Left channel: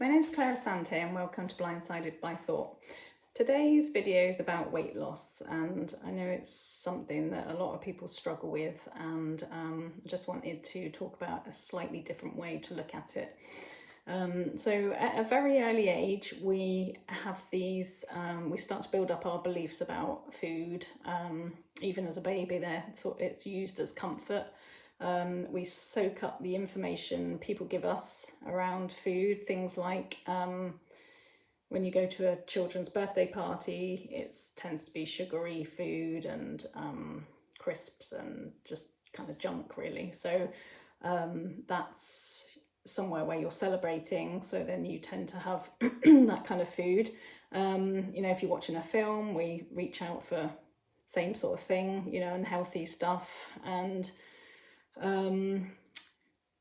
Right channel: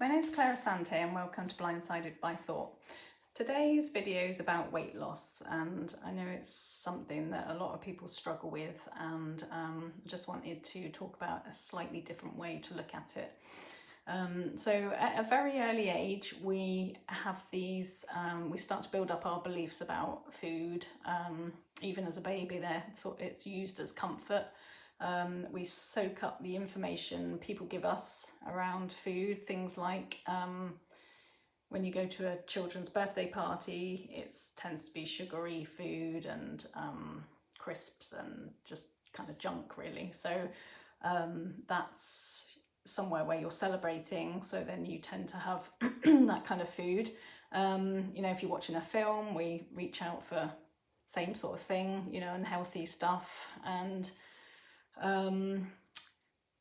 my name is Clara Sante and welcome to Blindsided by Thought. Today's video is about weight loss, and I know it's something that a lot of people struggle with, and I just wanted to talk about a slightly different way to look at it. So at a very early age, we have these, we start to build up our beliefs about food. Even as a baby, it's used as comfort. We soak up the information people give us around food, things like when you go to a children's birthday party, it tends to be sugary food and crisps and just kind of junk, really. So that's somewhere where you're celebrating, so then you tend to have that kind of food. You know, if you're watching a film, we reach out for same sort of thing, you know, unhealthy stuff, and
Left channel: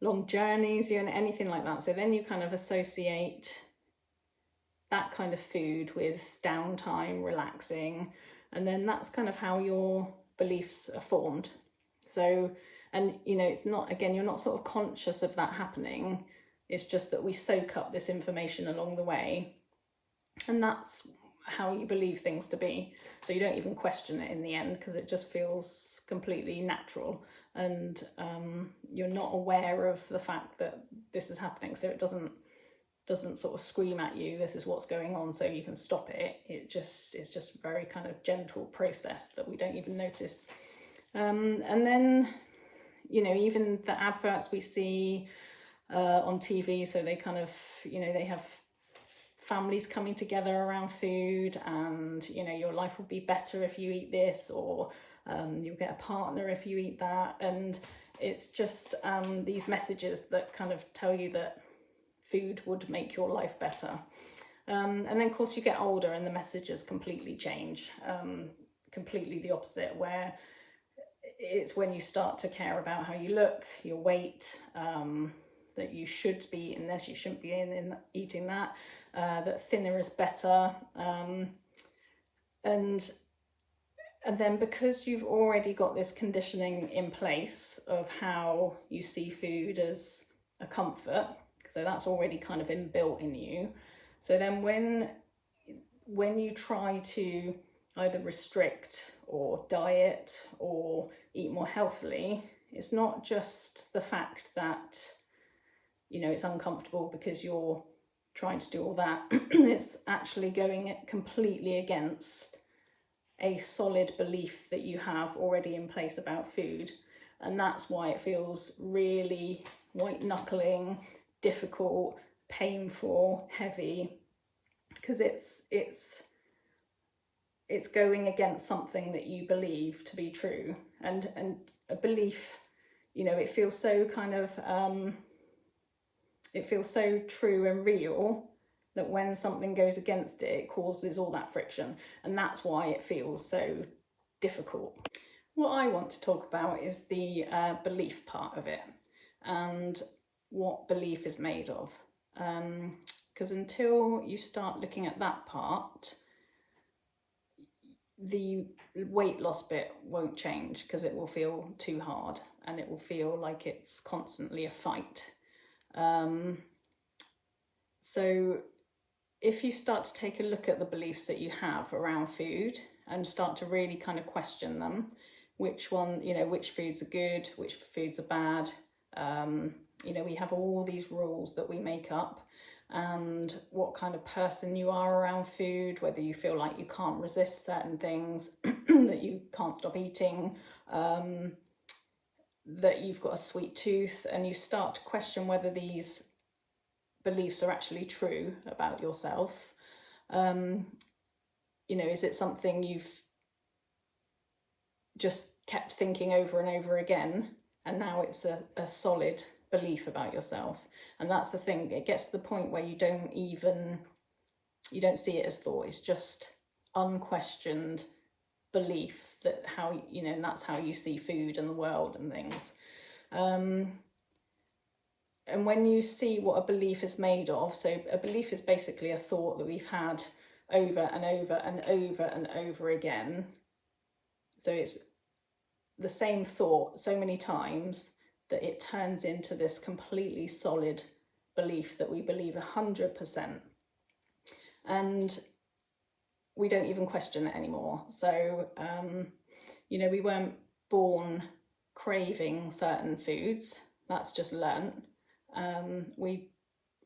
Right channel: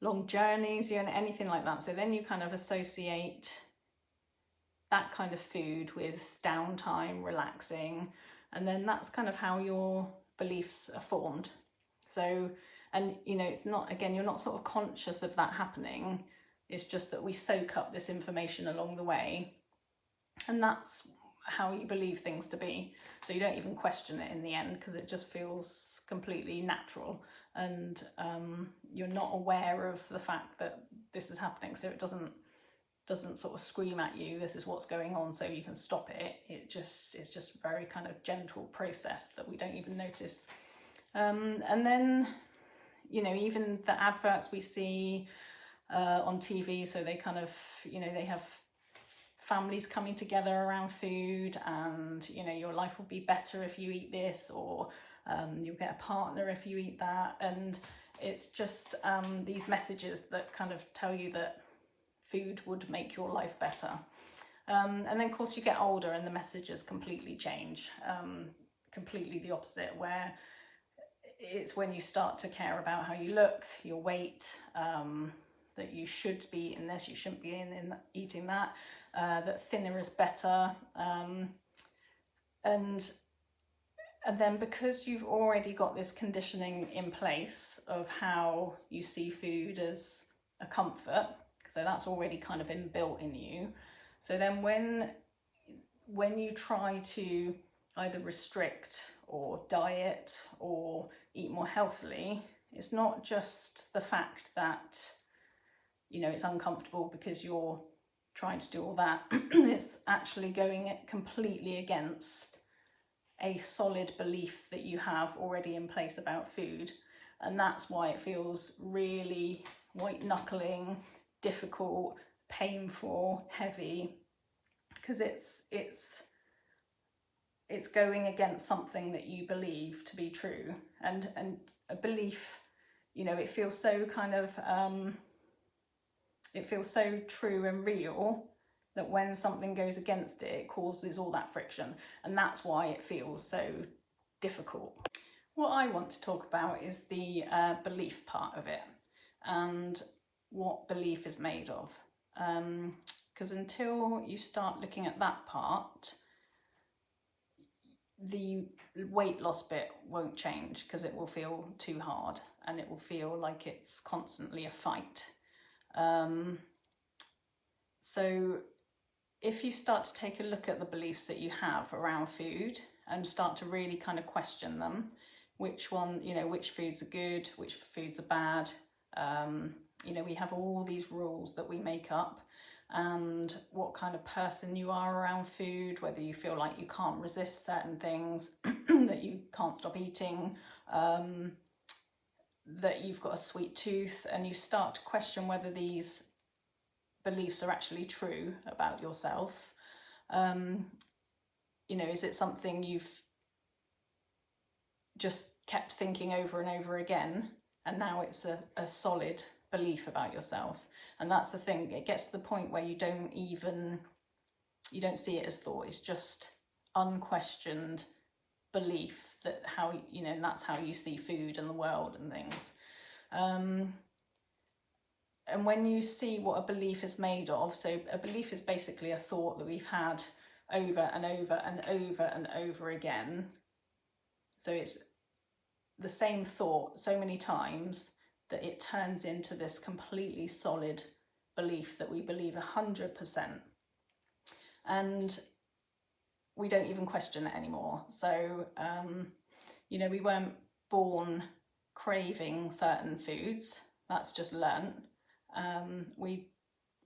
long journeys, you know, anything like that. So then you kind of associate that kind of food with downtime, relaxing, and then that's kind of how your beliefs are formed. So, and you know, it's not, again, you're not sort of conscious of that happening. It's just that we soak up this information along the way, and that's how you believe things to be. So you don't even question it in the end, because it just feels completely natural, and you're not aware of the fact that this is happening. So it doesn't sort of scream at you, this is what's going on, so you can stop it. It's just a very kind of gentle process that we don't even notice. And then, you know, even the adverts we see on TV, so they kind of, you know, they have families coming together around food, and you know, your life will be better if you eat this, or you'll get a partner if you eat that. And it's just these messages that kind of tell you that food would make your life better. And then of course you get older and the messages completely change, completely the opposite, where it's when you start to care about how you look, your weight, that you should be eating this, you shouldn't be eating that, that thinner is better. And then because you've already got this conditioning in place of how you see food as a comfort, so that's already kind of inbuilt in you. So then when you try to either restrict or diet or eat more healthily, it's not just the fact that, you know, it's uncomfortable because you're trying to do all that. It's actually going completely against a solid belief that you have already in place about food. And that's why it feels really white knuckling, difficult, painful, heavy, because it's going against something that you believe to be true. And a belief, you know, it feels so kind of it feels so true and real that when something goes against it, it causes all that friction, and that's why it feels so difficult. What I want to talk about is the belief part of it, and what belief is made of, because until you start looking at that part, the weight loss bit won't change, because it will feel too hard and it will feel like it's constantly a fight. So if you start to take a look at the beliefs that you have around food and start to really kind of question them, which one, you know, which foods are good, which foods are bad. You know, we have all these rules that we make up, and what kind of person you are around food, whether you feel like you can't resist certain things, that you can't stop eating, that you've got a sweet tooth, and you start to question whether these beliefs are actually true about yourself. You know, is it something you've just kept thinking over and over again, and now it's a solid belief about yourself? And that's the thing, it gets to the point where you don't see it as thought, it's just unquestioned belief that how, you know, and that's how you see food and the world and things. And when you see what a belief is made of, so a belief is basically a thought that we've had over and over and over and over again. So it's the same thought so many times that it turns into this completely solid belief that we believe 100%, and we don't even question it anymore. So you know, we weren't born craving certain foods, that's just learnt. We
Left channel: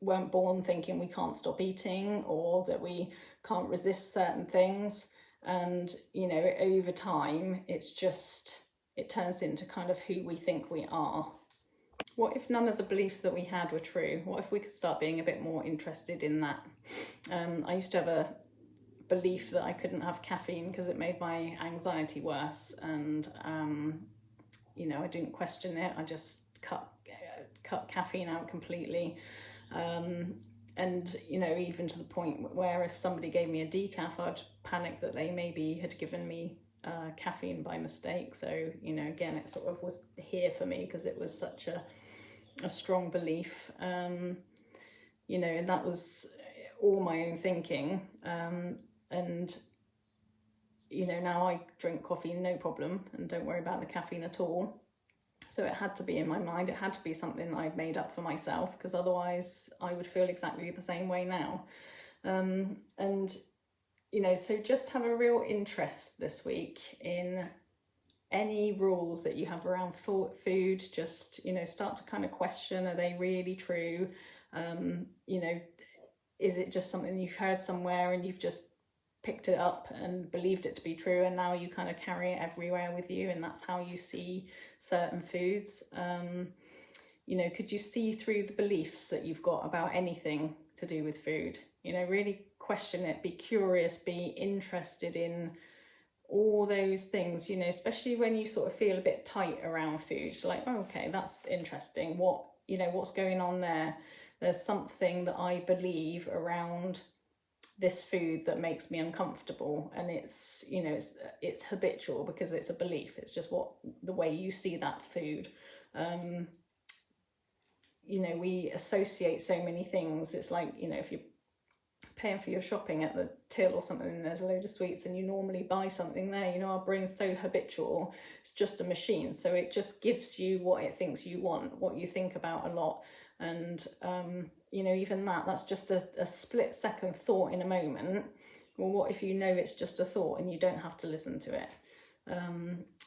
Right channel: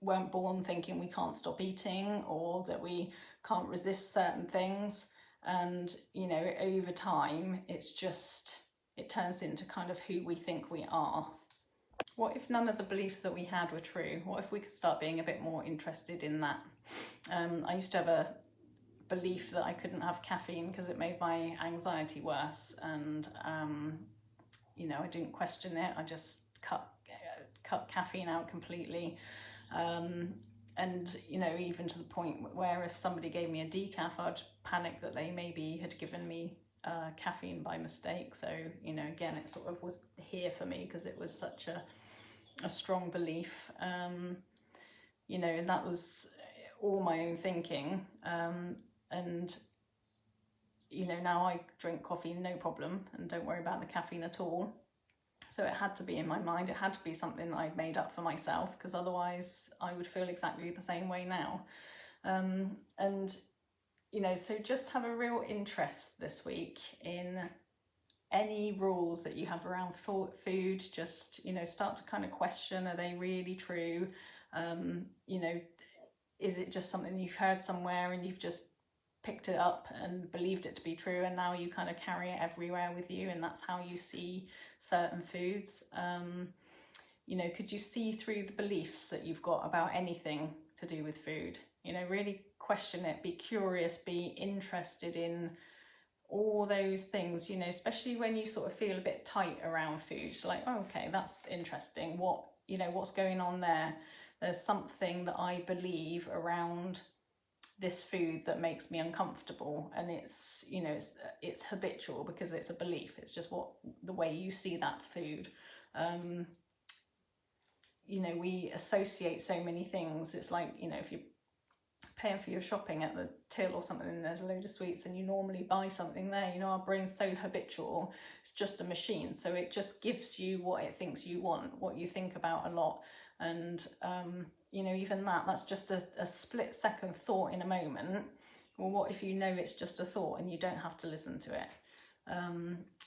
weren't born thinking we can't stop eating or that we can't resist certain things, and you know, over time it turns into kind of who we think we are. What if none of the beliefs that we had were true? What if we could start being a bit more interested in that? I used to have a belief that I couldn't have caffeine because it made my anxiety worse, and you know, I didn't question it. I just cut caffeine out completely, and you know, even to the point where if somebody gave me a decaf, I'd panic that they maybe had given me caffeine by mistake. So you know, again, it sort of was here for me because it was such a strong belief, you know, and that was all my own thinking, and you know, now I drink coffee no problem and don't worry about the caffeine at all. So it had to be in my mind, it had to be something that I'd made up for myself, because otherwise I would feel exactly the same way now. And you know, so just have a real interest this week in any rules that you have around food. Just, you know, start to kind of question, are they really true? You know, is it just something you've heard somewhere and you've just picked it up and believed it to be true, and now you kind of carry it everywhere with you, and that's how you see certain foods? You know, could you see through the beliefs that you've got about anything to do with food? You know, really question it, be curious, be interested in all those things, you know, especially when you sort of feel a bit tight around food. So like, oh, okay, that's interesting. What, you know, what's going on there? There's something that I believe around this food that makes me uncomfortable, and it's, you know, it's habitual because it's a belief. It's just the way you see that food. You know, we associate so many things. It's like, you know, if you're paying for your shopping at the till or something and there's a load of sweets and you normally buy something there, you know, our brain's so habitual. It's just a machine, so it just gives you what it thinks you want, what you think about a lot. And you know, even that's just a split second thought in a moment. Well, what if you know it's just a thought and you don't have to listen to it?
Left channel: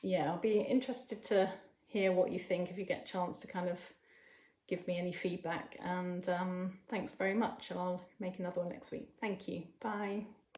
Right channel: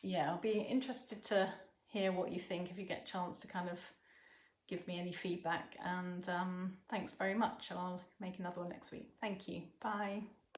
Yeah, I'll be interested to hear what you think if you get a chance to kind of give me any feedback. And thanks very much, and I'll make another one next week. Thank you. Bye.